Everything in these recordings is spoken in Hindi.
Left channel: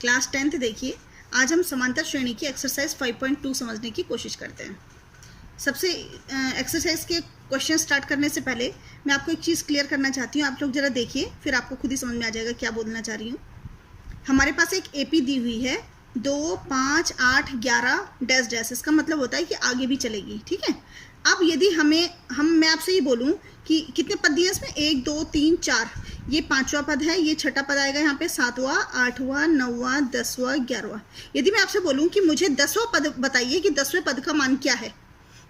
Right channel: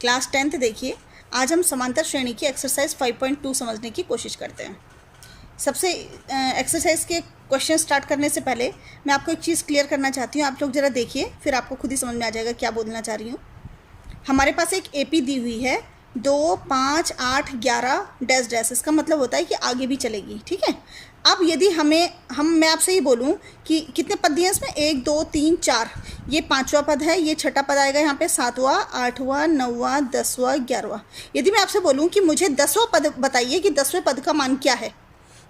क्लास 10th देखिए। आज हम समांतर श्रेणी की एक्सरसाइज 5.2 समझने की कोशिश करते हैं। सबसे एक्सरसाइज के क्वेश्चन स्टार्ट करने से पहले मैं आपको एक चीज़ क्लियर करना चाहती हूँ। आप लोग ज़रा देखिए, फिर आपको खुद ही समझ में आ जाएगा क्या बोलना चाह रही हूँ। हमारे पास एक एपी दी हुई है 2, 5, 8, 11 डैश डैश। इसका मतलब होता है कि आगे भी चलेगी, ठीक है। अब यदि मैं आपसे ये बोलूँ कि कितने पद दिए हैं इसमें, 1, 2, 3, 4, ये 5वां पद है, ये 6ठा पद आएगा यहाँ पे, 7वां, 8वां, 9वां, 10वां, 11वां। यदि मैं आपसे बोलूँ कि मुझे 10वां पद बताइए कि 10वें पद का मान क्या है,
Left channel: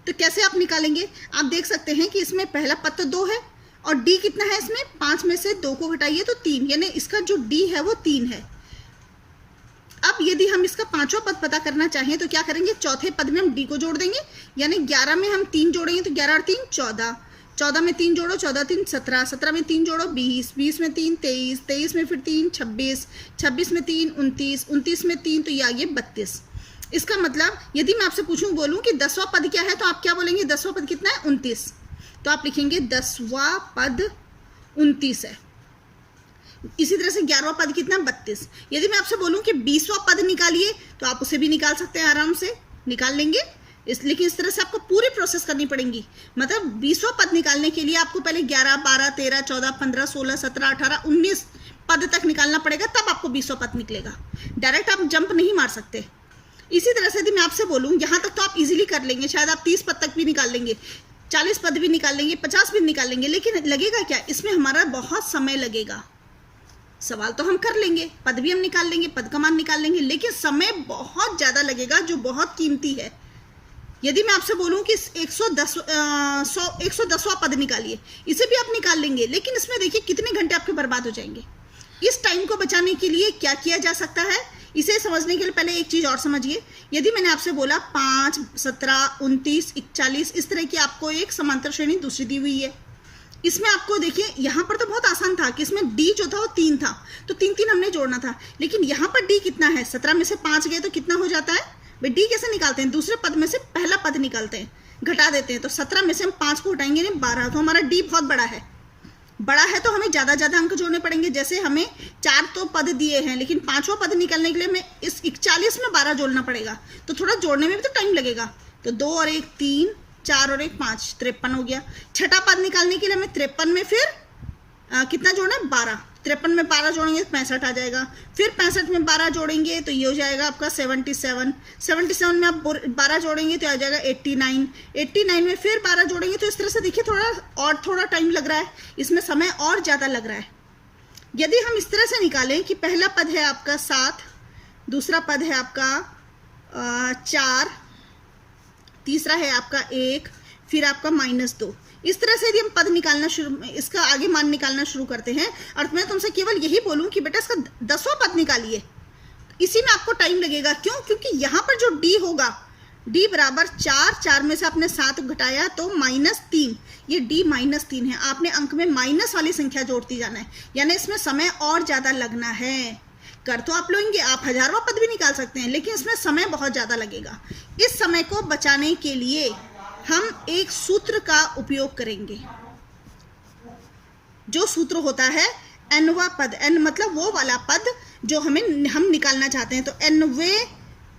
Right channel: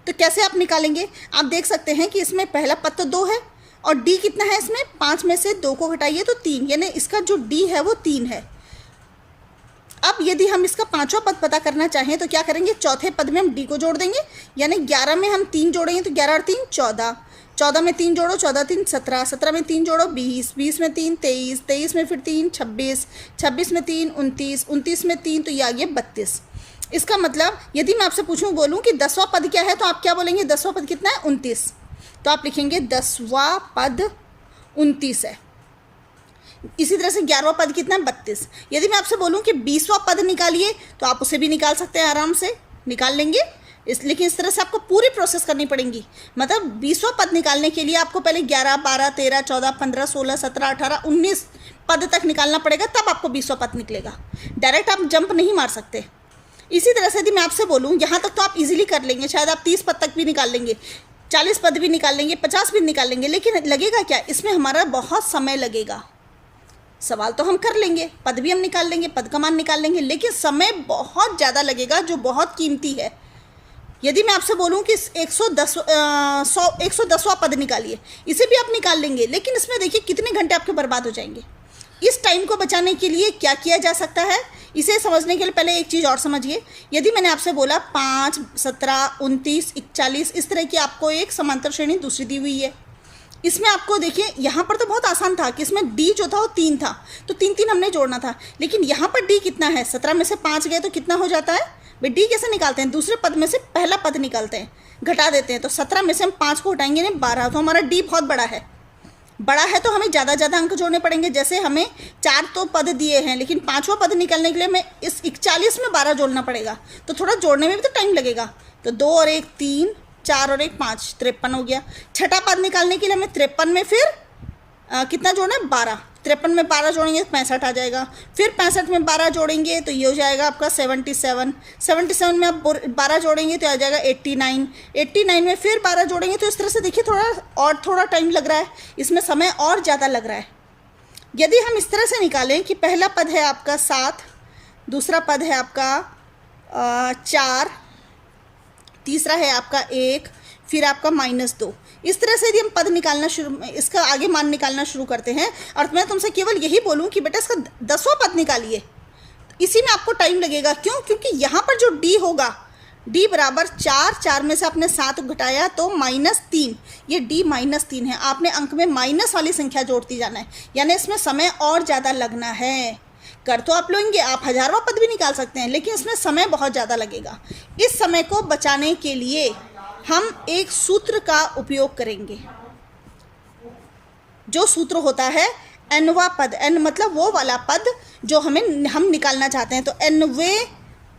तो कैसे आप निकालेंगे। आप देख सकते हैं कि इसमें पहला पद तो 2 है और डी कितना है इसमें, 5 में से 2 को घटाइए तो 3, यानी इसका जो डी है वो 3 है। अब यदि हम इसका 5वां पद पता करना चाहें तो क्या करेंगे, चौथे पद में हम डी को जोड़ देंगे, यानी 11 में हम 3 जोड़ेंगे तो 11 और 3 14, 14 में 3 जोड़ो, 14 3 17, 17 में 3 जोड़ो 20, 20 में 3 23, 23 में फिर 3 26, 26 में 3 29, 29 में 3 तो ये आ गया 32। इसका मतलब यदि मैं आपसे बोलूँ कि 10वां पद क्या है तो आप क्या बोलेंगे, 10वां पद कितना है, 29। तो आप लिखेंगे 10वां पद 29 है। इसी तरह से 11वां पद कितना है, 32। यदि मैं आपसे बोलूं कि 20वां पद निकालिए तो आप उसे भी निकाल सकते हैं, आराम से निकाल लेंगे। लेकिन इस तरह से आपको पूरी प्रोसेस करनी पड़ेगी। मतलब 20वां पद निकालने के लिए आपको पहले 11, 12, 13, 14, 15, 16, 17, 18, 19 पद तक निकालना पड़ेगा, तब आपको 20वां पद निकलेगा। डायरेक्ट आप जंप नहीं मार सकते। इसी तरह से यदि मैं आपसे बोलूँ, यहाँ तक तो आप इजीली कर लेंगे, शायद आप 30 पद तक भी निकाल लेंगे, 40 पद भी निकाल लेंगे, 50 भी निकाल लेंगे, लेकिन लगेगा क्या, इसमें हमारा बहुत समय लगेगा। सवाल तो हम कर लेंगे, पद भी हम निकाल लेंगे, पद का मान निकाल लेंगे, लेकिन समय बहुत ज़्यादा लगेगा जो बहुत कीमती है। यदि मैं आपसे बोलूं कि 110वां पद निकालिए, इसे भी आप निकाल लेंगे, लेकिन इसमें देखिए कितने घंटे आपके बर्बाद हो जाएंगे। इस टाइम को बचाने के लिए क्या किया जा सकता है, इसे समझने के लिए पहले एक चीज़ और समझिए। यदि मैंने आपसे बोला 5, 17, 29, 41, इस तरह की आपको एक समांतर श्रेणी दूसरी दी हुई है। इसमें आपको देखिए, यहाँ पर तो बहुत आसान था कि इसमें डी जो था वो 3 था, तो 3 3 हमने जोड़ना था, लेकिन यहाँ पर डी कितना है, 17 में से 5 गए तो कितना हो जाता है भाई। डी कैसे निकालते हैं, दूसरे पद में से पहला पद निकालते हैं, घटा देते हैं, तो 17 में से हम 5 को हटाएंगे नहीं 12, तो हमारा डी बहुत बड़ा है। बड़ा है तो हमें ज़्यादा अंक जोड़ने पड़ेंगे। जैसे हमें 4 तो पद दिए हैं, लेकिन 5वां पद निकालने के लिए हमें इस 41 में 12 जोड़ना पड़ेगा, तो थोड़ा जोड़ने में भी तो टाइम लगेगा। तो 2 और 1 3, 4 और 1 5, 53 हो गया। छठा पद निकालने के लिए हमें 53 में फिर कितना जोड़ना है, 12। 53 में 12 जोड़ेंगे 65 आ जाएगा, फिर 65 में 12 जोड़ेंगे तो ये हो जाएगा आपका 77। 77 में आप 12 जोड़ेंगे तो आ जाएगा 89। 89 में फिर 12 जोड़ेंगे, तो इस तरह से देखिए थोड़ा टाइम लग रहा है, इसमें समय और ज़्यादा लग रहा है। यदि हम इस तरह से निकालें कि पहला पद है आपका 7, दूसरा पद है आपका 4, तीसरा है आपका 1, फिर आपका -2। इस तरह से यदि हम पद निकालना इसका आगे मान निकालना शुरू करते हैं, और मैं तुमसे केवल यही बोलूं कि बेटा इसका 10वां पद निकालिए, इसी में आपको टाइम लगेगा। क्यों, क्योंकि यहाँ पर जो डी होगा, डी बराबर 4, 4 में से आपने 7 घटाया तो -3, ये डी -3 है। आपने अंक में माइनस वाली संख्या जोड़ती जाना है, यानी इसमें समय और ज़्यादा लगना है। कर तो आप लेंगे, आप 1000वां पद भी निकाल सकते हैं, लेकिन इसमें समय बहुत ज़्यादा लगेगा। इस समय को बचाने के लिए हम एक सूत्र का उपयोग करेंगे, जो सूत्र होता है nवां पद। n मतलब वो वाला पद जो हम निकालना चाहते हैं, तो nवें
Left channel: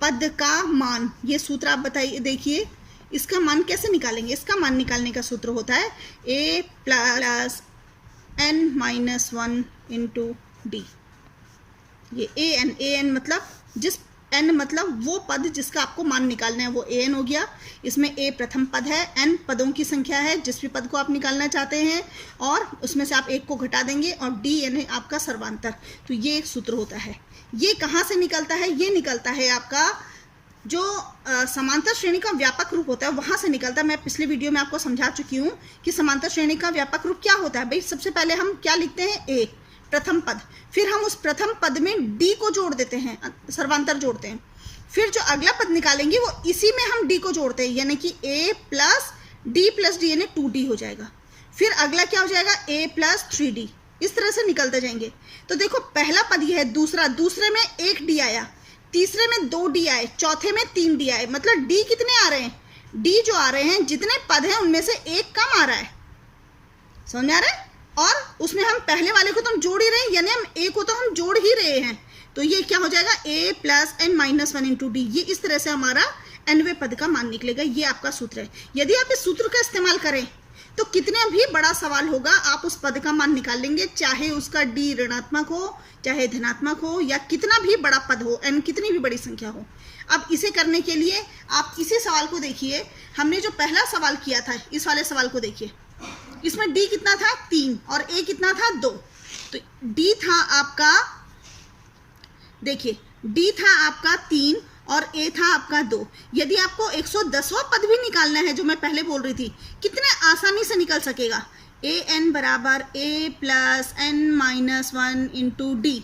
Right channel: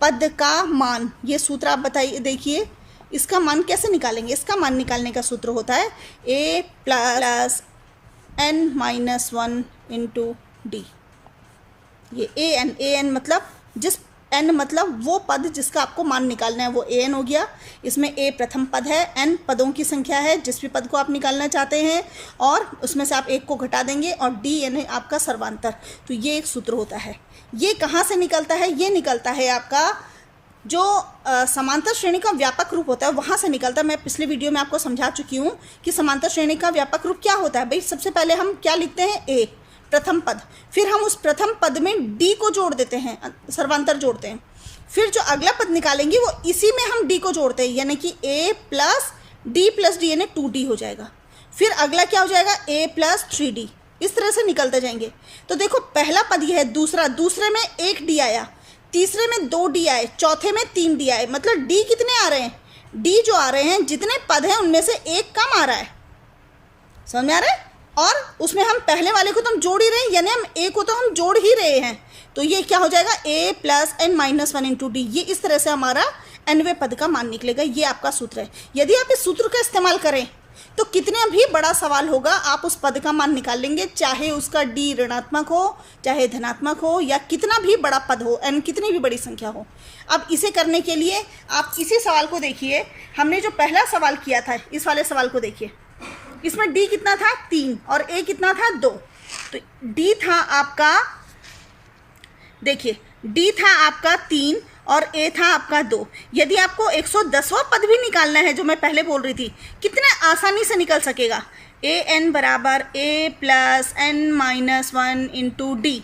पद का मान, ये सूत्र आप बताइए। देखिए इसका मान कैसे निकालेंगे, इसका मान निकालने का सूत्र होता है a + n-1 × d। ये an मतलब n मतलब वो पद जिसका आपको मान निकालना है, वो an हो गया। इसमें a प्रथम पद है, n पदों की संख्या है जिस भी पद को आप निकालना चाहते हैं, और उसमें से आप 1 को घटा देंगे, और d यानी आपका सर्वांतर। तो ये एक सूत्र होता है। ये कहाँ से निकलता है, ये निकलता है आपका जो समांतर श्रेणी का व्यापक रूप होता है, वहाँ से निकलता है। मैं पिछले वीडियो में आपको समझा चुकी हूँ कि समांतर श्रेणी का व्यापक रूप क्या होता है। भाई सबसे पहले हम क्या लिखते हैं, a प्रथम पद, फिर हम उस प्रथम पद में d को जोड़ देते हैं, सर्वांतर जोड़ते हैं, फिर जो अगला पद निकालेंगे वो इसी में हम d को जोड़ते हैं, यानी कि a + d + d यानी 2d हो जाएगा। फिर अगला क्या हो जाएगा, a + 3d। इस तरह से निकलते जाएंगे। तो देखो पहला पद ये है, दूसरे में 1d आया, तीसरे में 2d आए, चौथे में 3d आए। मतलब d कितने आ रहे हैं, d जो आ रहे हैं, जितने पद हैं उनमें से एक कम आ रहा है। समझ में आ रहा है। और उसमें हम पहले वाले को तो हम जोड़ ही रहे हैं, यानी हम ए को तो हम जोड़ ही रहे हैं, तो ये क्या हो जाएगा, a plus n minus 1 into D. ये इस तरह से हमारा nवें पद का मान निकलेगा। ये आपका सूत्र है। यदि आप इस सूत्र का इस्तेमाल करें तो कितना भी बड़ा सवाल होगा आप उस पद का मान निकाल लेंगे, चाहे उसका d ऋणात्मक हो, चाहे धनात्मक हो, या कितना भी बड़ा पद हो, n कितनी भी बड़ी संख्या हो। अब इसे करने के लिए आप इसी सवाल को देखिए। हमने जो पहला सवाल किया था, इस वाले सवाल को देखिए। इसमें d कितना था, 3, और a कितना था, 2। तो d था आपका, देखिए d था आपका 3 और a था आपका 2। यदि आपको 110वां पद भी निकालना है, जो मैं पहले बोल रही थी, कितने आसानी से निकल सकेगा, an बराबर a plus n minus 1 into D.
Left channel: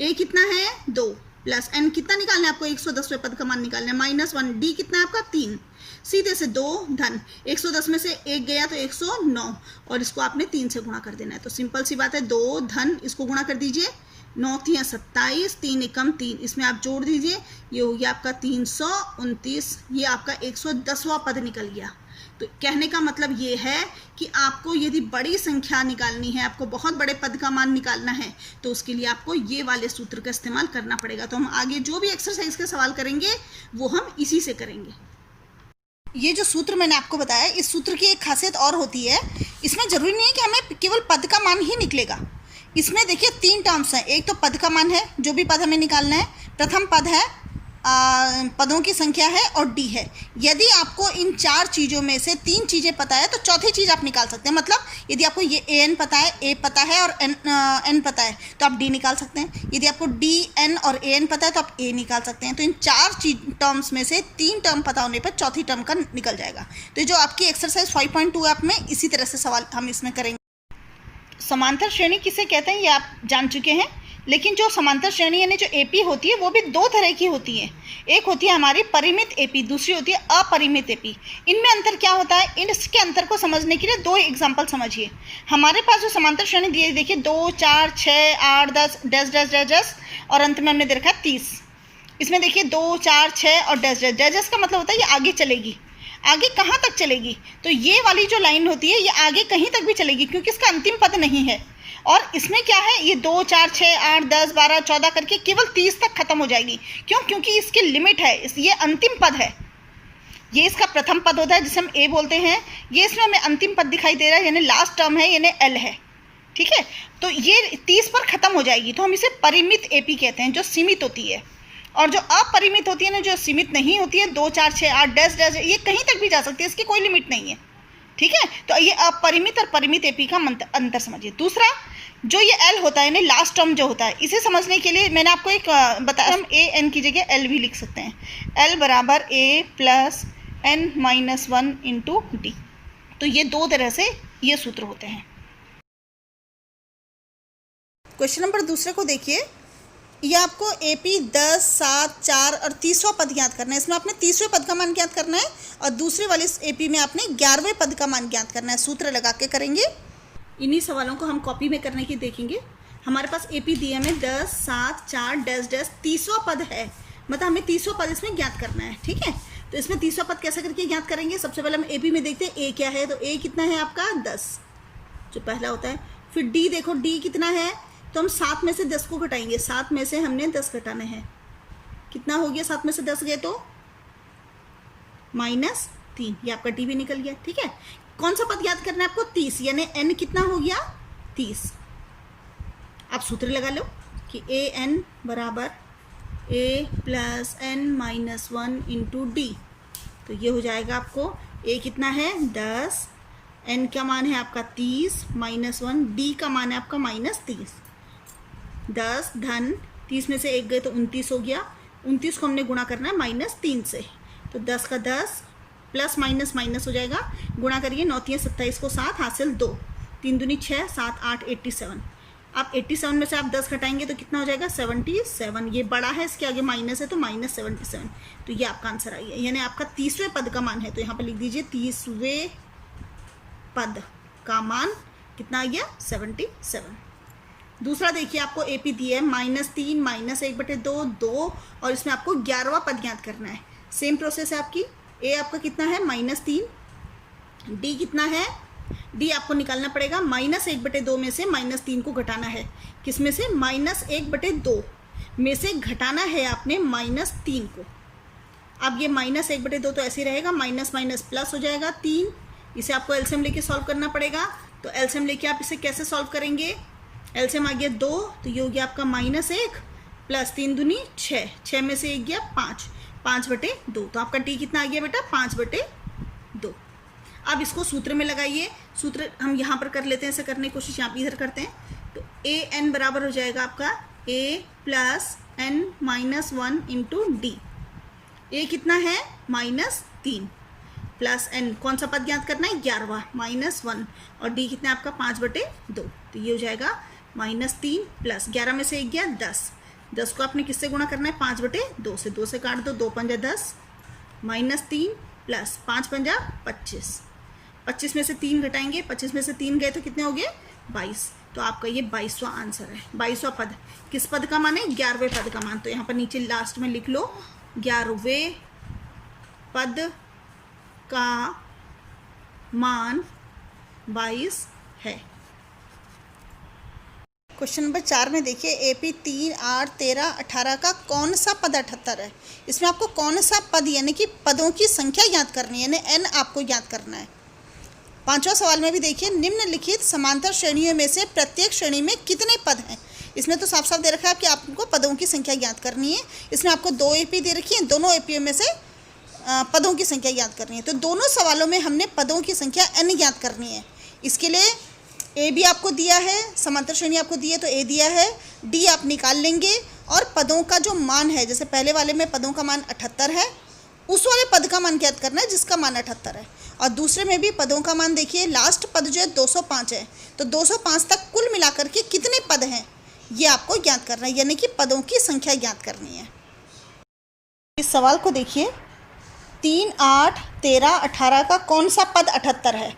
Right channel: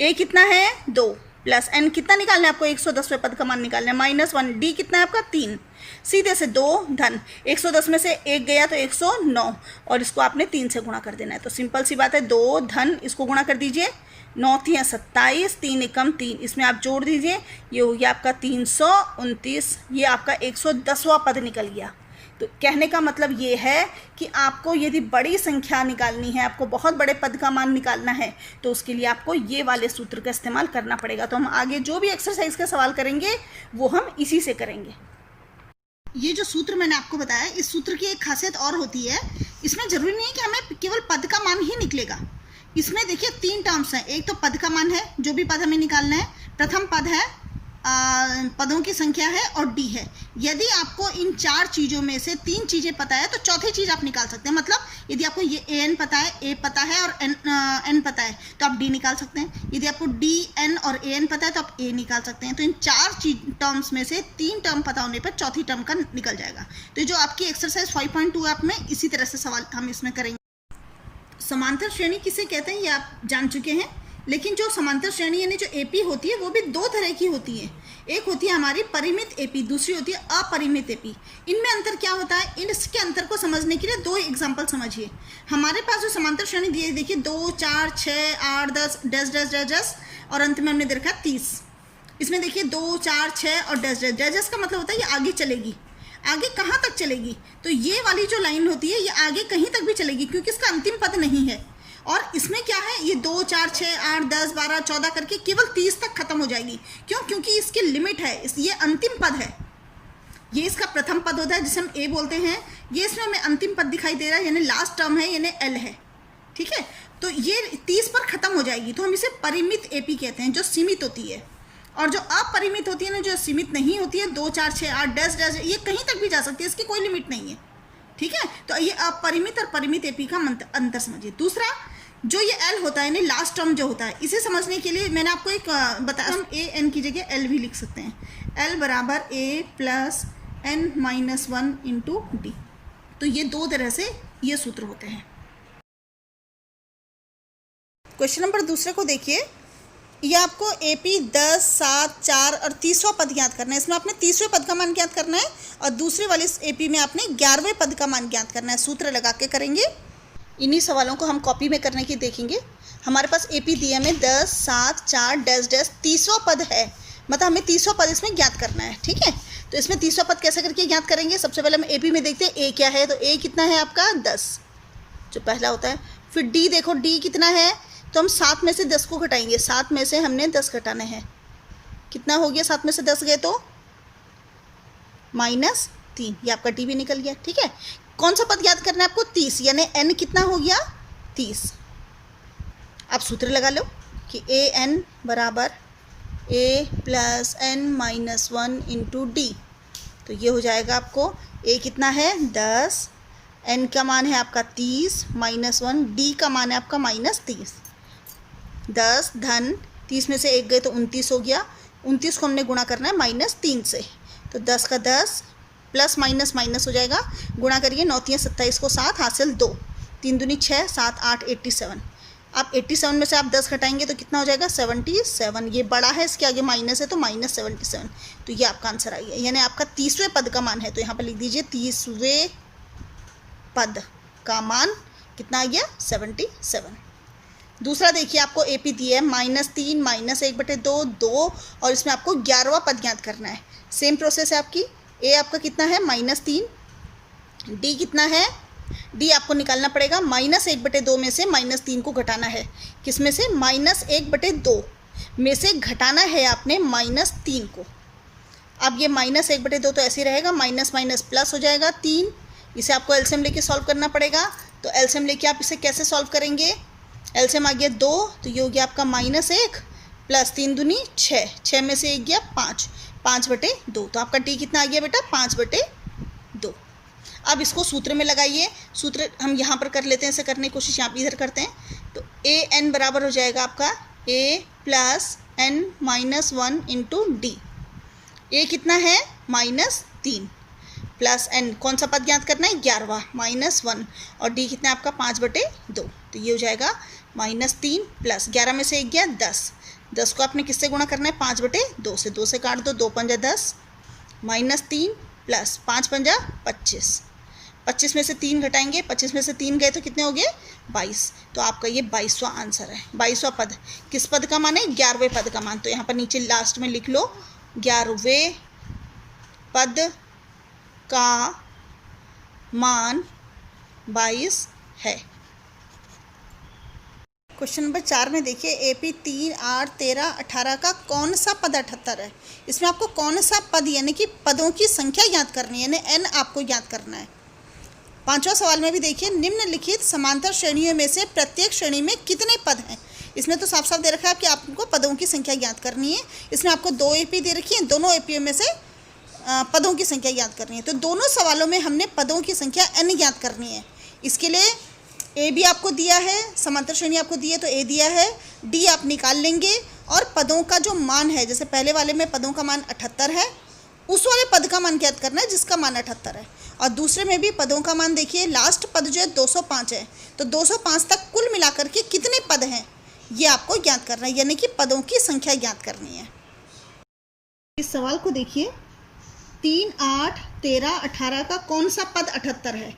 a कितना है, 2, प्लस n कितना निकालना है आपको, 110वें पद का मान निकालना है, माइनस 1, d कितना है आपका, 3। सीधे से 2 धन 110 में से 1 गया तो 109, और इसको आपने 3 से गुणा कर देना है। तो सिंपल सी बात है, 2 धन इसको गुणा कर दीजिए, 9 3 27, 3 एकम 3, इसमें आप जोड़ दीजिए, ये हो गया आपका 329। ये आपका 110वां पद निकल गया। तो कहने का मतलब ये है कि आपको यदि बड़ी संख्या निकालनी है, आपको बहुत बड़े पद का मान निकालना है, तो उसके लिए आपको ये वाले सूत्र का इस्तेमाल करना पड़ेगा। तो हम आगे जो भी एक्सरसाइज का सवाल करेंगे वो हम इसी से करेंगे। ये जो सूत्र मैंने आपको बताया, इस सूत्र की एक खासियत और होती है, इसमें ज़रूरी नहीं है कि हमें केवल पद का मान ही निकलेगा। इसमें देखिए 3 टर्म्स हैं। एक तो पद का मान है, जो भी पद हमें निकालना है, प्रथम पद है, पदों की संख्या है, और डी है। यदि आपको इन 4 चीज़ों में से 3 चीज़ें पता है तो चौथी चीज़ आप निकाल सकते हैं। मतलब यदि आपको ये an पता है, a पता है और n पता है तो आप d निकाल सकते हैं। यदि आपको d, n और an पता है तो आप a निकाल सकते हैं। तो इन 4 टर्म्स में से 3 टर्म पता होने पर चौथी टर्म का निकल जाएगा। तो जो आपकी एक्सरसाइज 5.2 ऐप में इसी तरह से सवाल हम इसमें करेंगे। समांतर श्रेणी किसे कहते हैं ये आप जान चुके हैं, लेकिन जो समांतर श्रेणी यानी जो एपी होती है वो भी 2 तरह की होती है। एक होती है हमारी परिमित एपी, दूसरी होती है अपरिमित एपी। इनमें अंतर क्या होता है, इसके अंतर को समझने के लिए 2 एग्जांपल समझिए। हमारे पास जो समांतर श्रेणी दी है, देखिए 2 4 6 8 10 डैश डैश डैश डैश, और अंत में हमने दे रखा है 30। इसमें देखिए 2 4 6 और डैश डैश डैश डैश का मतलब होता है ये आगे चलेगी। आगे कहाँ तक चलेगी, तो ये वाली जो लाइन होती है ये आगे कहीं तक भी चलेगी, क्योंकि इसका अंतिम पद नहीं है। और इसमें क्या है, ये 2 4 6 8 10 12 14 करके केवल 30 तक खत्म हो जाएगी। क्यों, क्योंकि इसकी लिमिट है, ये अंतिम पद है। ये इसका प्रथम पद होता है जिसे हम ए बोलते हैं। ये इसमें हमें अंतिम पद दिखाई दे रहा है, यानी लास्ट टर्म है, यानी एल है। ठीक है, तो ये 30 पर खत्म हो जाएगी। तो हम इसे परिमित एपी कहते हैं, जो सीमित होती है। और जो अपरिमित होती है ना, जो सीमित नहीं होती है, 2 4 6 8 10 10, ये कहीं तक भी जा सकती है, इसकी कोई लिमिट नहीं है। ठीक है, तो ये अपरिमित और परिमित एपी का अंतर समझिए। दूसरा, जो ये एल होता है, यानी लास्ट टर्म जो होता है, इसे समझने के लिए मैंने आपको एक बताया, हम ए एन की जगह एल भी लिख सकते हैं। एल बराबर a plus n minus 1 into d. तो ये 2 तरह से ये सूत्र होते हैं। क्वेश्चन नंबर दूसरे को देखिए। ये आपको एपी 10 7 4 और 30वां पद ज्ञात करना है। इसमें आपने 30वें पद का मान ज्ञात करना है, और दूसरे वाले एपी में आपने 11वें पद का मान ज्ञात करना है। सूत्र लगा के करेंगे। इन्हीं सवालों को हम कॉपी में करने की देखेंगे। हमारे पास एपी दिए में 10 7 4 डैश डैश 30वां पद है, मतलब हमें 30वां पद इसमें ज्ञात करना है। ठीक है, तो इसमें 30वां पद कैसे करके ज्ञात करेंगे। सबसे पहले हम एपी में देखते हैं ए क्या है। तो ए कितना है आपका 10, जो पहला होता है। फिर डी देखो, डी कितना है, तो हम 7 में से 10 को घटाएंगे। 7 में से हमने 10 घटाने हैं, कितना हो गया, 7 में से 10 गए तो -3, ये आपका डी भी निकल गया। ठीक है, कौन सा पद याद करना है आपको, 30, यानी एन कितना हो गया 30। आप सूत्र लगा लो कि ए एन बराबर a plus n minus 1 into d. तो ये हो जाएगा आपको, ए कितना है 10, एन का मान है आपका 30 माइनस 1, डी का मान है आपका -30। 10 धन 30 में से 1 गए तो 29 हो गया। 29 को हमने गुणा करना है -3 से, तो 10 का 10 प्लस माइनस माइनस हो जाएगा। गुणा करिए, 9 3 27 को 7 हासिल 2, 3 दूनी 6 7 8 87। आप 87 में से आप 10 घटाएंगे तो कितना हो जाएगा 77। ये बड़ा है, इसके आगे माइनस है तो -77। तो ये आपका आंसर आई है, यानी आपका 30वें पद का मान है। तो यहाँ पर लिख दीजिए 30वें पद का मान कितना आ गया 77। दूसरा देखिए, आपको एपी दिया है -3 -1/2 2, और इसमें आपको 11वां पद ज्ञात करना है। सेम प्रोसेस है आपकी। ए आपका कितना है -3, डी कितना है, डी आपको निकालना पड़ेगा। -1/2 में से -3 को घटाना है, किस में से, -1/2। में से घटाना है आपने -3 को। अब ये -1/2 तो ऐसे ही रहेगा, माइनस माइनस प्लस हो जाएगा 3। इसे आपको एलसीएम लेके सॉल्व करना पड़ेगा। तो एलसीएम लेके आप इसे कैसे सॉल्व करेंगे? एलसीएम आ गया 2, तो ये हो गया आपका -1 प्लस 3 दूनी 6, 6 में से 1 गया 5, 5/2। तो आपका टी कितना आ गया बेटा? 5/2। अब इसको सूत्र में लगाइए। सूत्र हम यहाँ पर कर लेते हैं, ऐसे करने की कोशिश यहाँ पर इधर करते हैं। तो an बराबर हो जाएगा आपका a + n-1 × d। a कितना है? -3 प्लस n, कौन सा पद ज्ञात करना है? 11वां, -1, और d कितना है आपका? 5/2। तो ये हो जाएगा -3 प्लस 11 में से 1 गया 10, 10 को आपने किससे गुणा करना है? 5/2 से, 2 से काट दो, 2 पंजा 10, -3 प्लस 5 पंजा 25, 25 में से 3 घटाएंगे, 25 में से 3 गए तो कितने हो गए? 22। तो आपका ये 22वां आंसर है। 22वां पद किस पद का मान है? 11वें पद का मान। तो यहाँ पर नीचे लास्ट में लिख लो 11वें पद का मान 22 है। क्वेश्चन नंबर 4 में देखिए, AP 3, 8, 13, 18 का कौन सा पद 78 है? इसमें आपको कौन सा पद यानी कि पदों की संख्या ज्ञात करनी है, यानी n आपको ज्ञात करना है। 5वां सवाल में भी देखिए, निम्नलिखित समांतर श्रेणियों में से प्रत्येक श्रेणी में कितने पद हैं? इसमें तो साफ साफ दे रखा है कि आपको पदों की संख्या ज्ञात करनी है। इसमें आपको 2 AP दे रखी है, दोनों AP में से पदों की संख्या ज्ञात करनी है। तो दोनों सवालों में हमने पदों की संख्या n ज्ञात करनी है। इसके लिए a भी आपको दिया है, समांतर श्रेणी आपको दी है तो a दिया है, d आप निकाल लेंगे, और पदों का जो मान है, जैसे पहले वाले में पदों का मान 78 है, उस वाले पद का मान ज्ञात करना है जिसका मान 78 है। और दूसरे में भी पदों का मान देखिए, लास्ट पद जो है 205 है, तो 205 तक कुल मिलाकर के कितने पद हैं ये आपको ज्ञात करना है, यानी कि पदों की संख्या ज्ञात करनी है। इस सवाल को देखिए, 3, 8, 13, 18 का कौन सा पद 78 है?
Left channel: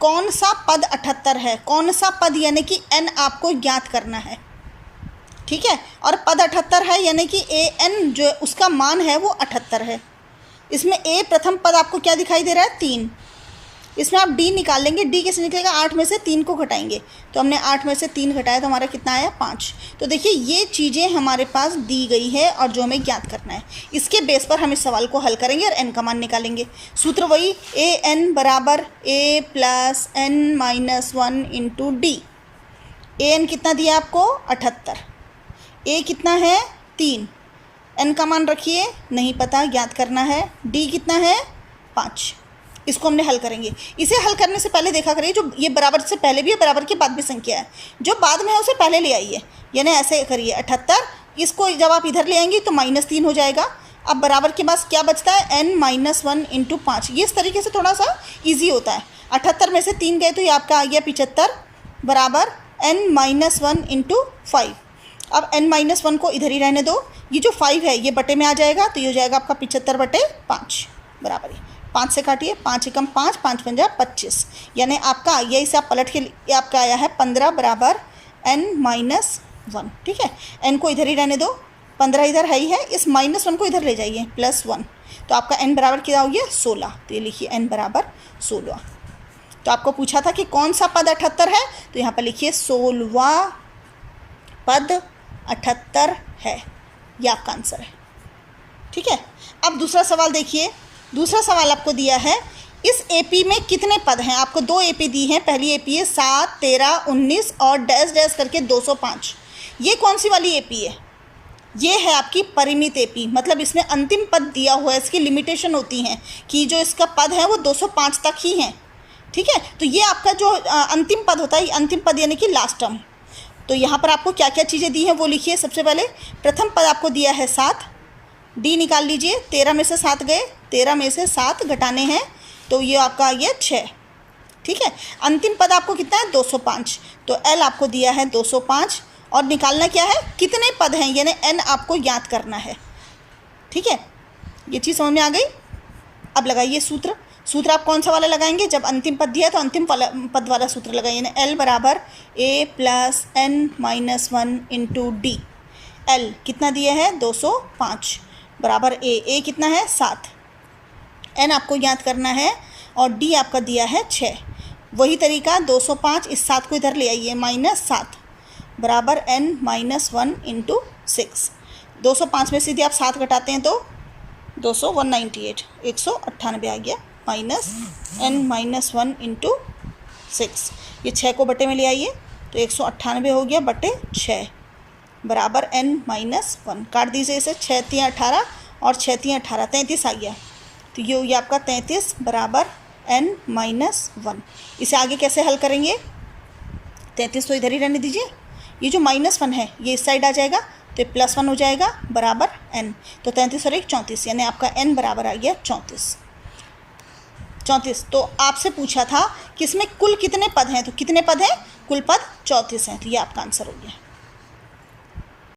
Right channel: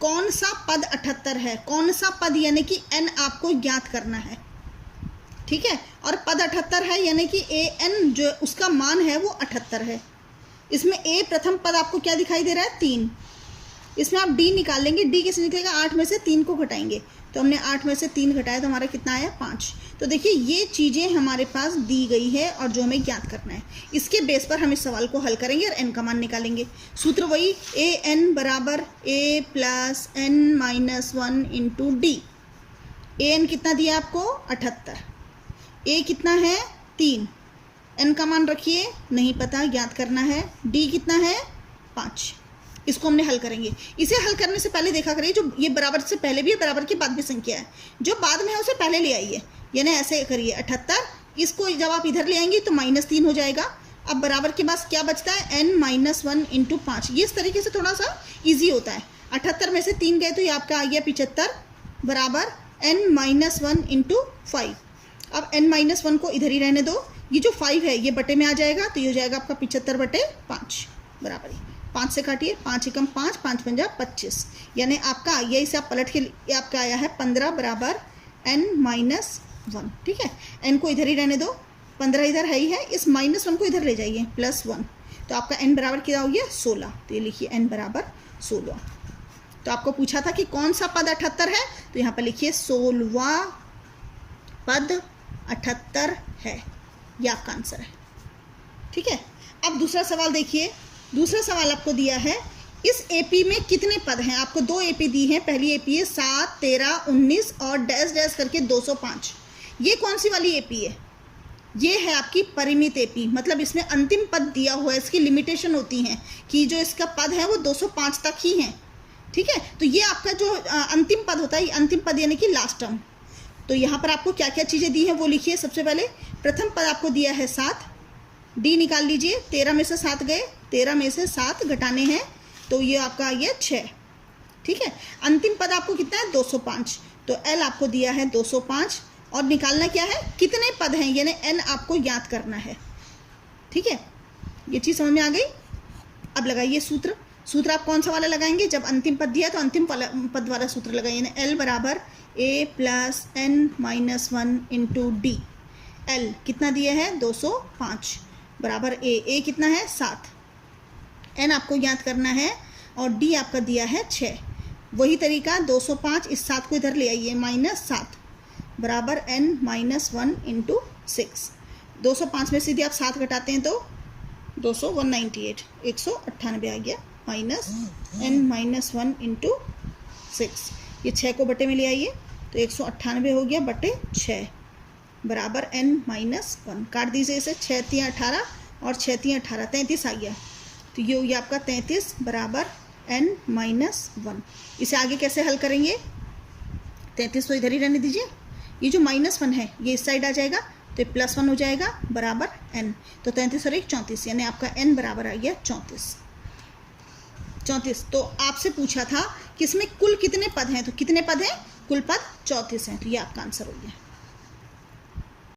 कौन सा पद 78 है? कौन सा पद यानी कि n आपको ज्ञात करना है, ठीक है। और पद 78 है यानी कि an जो उसका मान है वो 78 है। इसमें a प्रथम पद आपको क्या दिखाई दे रहा है? 3। इसमें आप d निकाल लेंगे, d कैसे निकलेगा? 8 में से 3 को घटाएंगे, तो हमने 8 में से 3 घटाया तो हमारा कितना आया? 5। तो देखिए ये चीज़ें हमारे पास दी गई है और जो हमें ज्ञात करना है, इसके बेस पर हम इस सवाल को हल करेंगे और n का मान निकालेंगे। सूत्र वही, an बराबर a + n-1 × d। an कितना दिया आपको? 78। a कितना है? 3। n का मान रखिए, नहीं पता, ज्ञात करना है। d कितना है? 5। इसको हमने हल करेंगे। इसे हल करने से पहले देखा करिए, जो ये बराबर से पहले भी है, बराबर के बाद भी संख्या है, जो बाद में है उसे पहले ले आइए, यानी ऐसे करिए 78, इसको जब आप इधर ले आएंगे तो -3 हो जाएगा। अब बराबर के पास क्या बचता है? n-1 × 5। ये इस तरीके से थोड़ा सा ईजी होता है। 78 में से 3 गए तो ये आपका आ गया 75 बराबर n-1 × 5। अब n-1 को इधर ही रहने दो, ये जो 5 है ये बटे में आ जाएगा, तो ये हो जाएगा आपका 75/5 बराबर 5 से काटिए, 5 एकम 5, 5 पंजा 25, यानी आपका ये इसे आप पलट के आपका आया है 15 बराबर n-1, ठीक है। n को इधर ही रहने दो, 15 इधर है ही है, इस -1 को इधर ले जाइए, +1, तो आपका n बराबर क्या हो गया? 16। तो ये लिखिए n बराबर 16। तो आपको पूछा था कि कौन सा पद 78 है, तो यहाँ पर लिखिए 16वां पद 78 है, ये आपका आंसर है, ठीक है। अब दूसरा सवाल देखिए, दूसरा सवाल आपको दिया है, इस AP में कितने पद हैं? आपको 2 AP दी हैं। पहली AP है 7, 13, 19 और डैश डैश करके 205। ये कौन सी वाली AP है? ये है आपकी परिमित AP, मतलब इसमें अंतिम पद दिया हुआ है, इसकी लिमिटेशन होती हैं कि जो इसका पद है वो 205 तक ही है, ठीक है। तो ये आपका जो अंतिम पद होता है, अंतिम पद यानी कि लास्ट टर्म। तो यहाँ पर आपको क्या क्या चीज़ें दी हैं वो लिखिए। सबसे पहले प्रथम पद आपको दिया है 7, D निकाल लीजिए, 13 में से 7 गए, 13 में से 7 घटाने हैं तो ये आपका आ गया 6, ठीक है। अंतिम पद आपको कितना है? 205। तो L आपको दिया है 205, और निकालना क्या है? कितने पद हैं, यानी n आपको याद करना है, ठीक है। ये चीज़ समझ में आ गई। अब लगाइए सूत्र। सूत्र आप कौन सा वाला लगाएंगे? जब अंतिम पद दिया है तो अंतिम पद वाला सूत्र लगाइए, यानी L बराबर a + n-1 × d। L कितना दिया है? 205 बराबर a कितना है? 7। n आपको याद करना है और d आपका दिया है 6। वही तरीका 205, इस 7 को इधर ले आइए, -7 बराबर n-1 × 6। 205 में से यदि आप 7 घटाते हैं तो 198 198 आ गया, माइनस n-1 इंटू 6, ये 6 को बटे में ले आइए तो 198 हो गया बटे 6 बराबर n-1। काट दीजिए इसे, 6 3 18 और 6 3 18, 33 आ गया। तो ये आपका 33 बराबर n-1। इसे आगे कैसे हल करेंगे? 33 तो इधर ही रहने दीजिए, ये जो -1 है ये इस साइड आ जाएगा तो +1 हो जाएगा बराबर n। तो 33 और 1 34, यानी आपका n बराबर आ गया 34। तो आपसे पूछा था कि इसमें कुल कितने पद हैं, तो कितने पद हैं? कुल पद 34 हैं, तो ये आपका आंसर हो गया।